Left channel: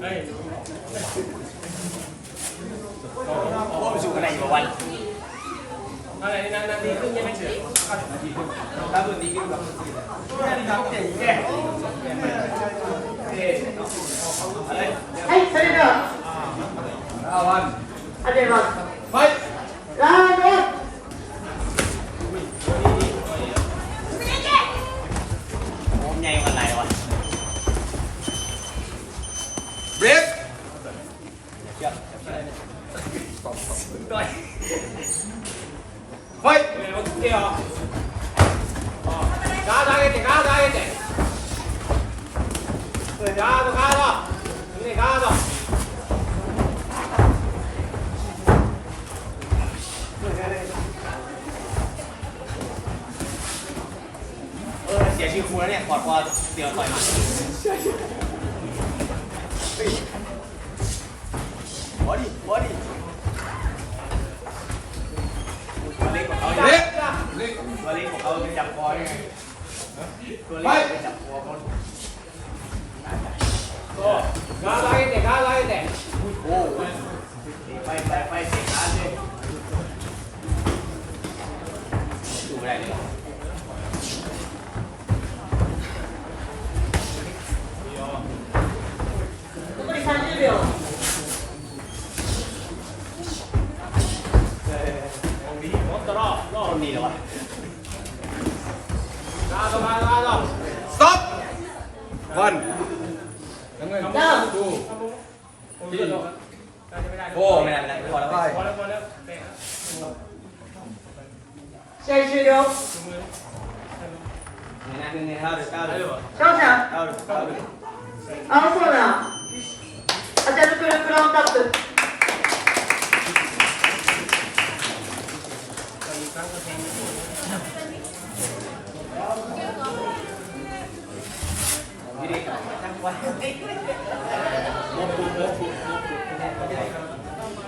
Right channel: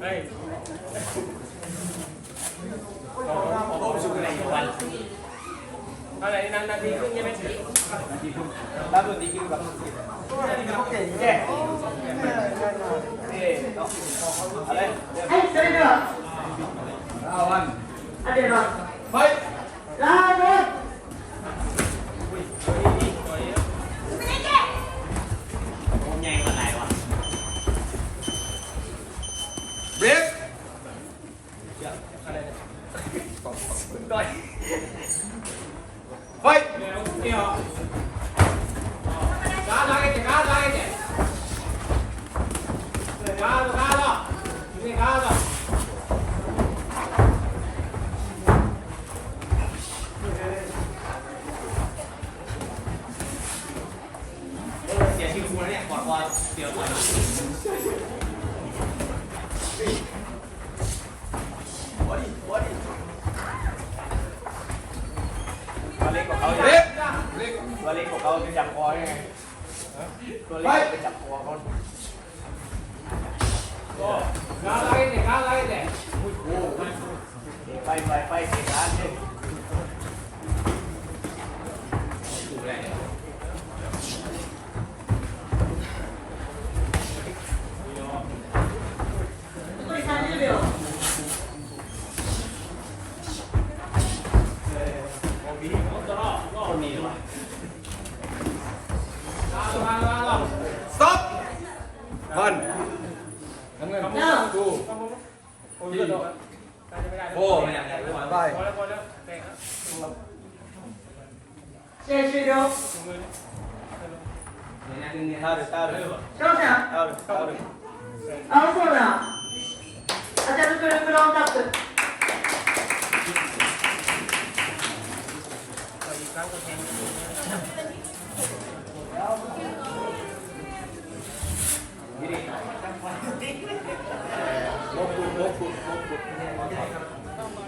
เฮ้ยโอ้ยสูงอะไรวันอะไรนั่นนาทีครึ่งยังไม่ถึงนาทีครึ่งแล้วตัวนี้กินกับตัวนี้ยเขาเก่งแก่เฮ้ยเซนเดอร์อาวันอาเดนวันเฮ้ย ガードเออเสียชื่อครูแล้วเนี่ยกอดคอเสียวก่อนหัวดิหัวดิตัวเล็กกว่าเขา เบร เนี่ย กเบรก ตัว ล็กของเขาไปจับคอได้ไงตัวเล็กไปจับคอเขากก้าไล่เนี่ยก้าไล่เนี่ยโอ้โหไปไปไปสิขาเนี่ยดูอะไรเนี่ยนี่เ stop! Vần nắm lên đu. Vô. Vai. Xe chia đâu sao sao? Áo quần à 아들 그런 그런 것들 พี่เด็กครับมบคุณมบคุณ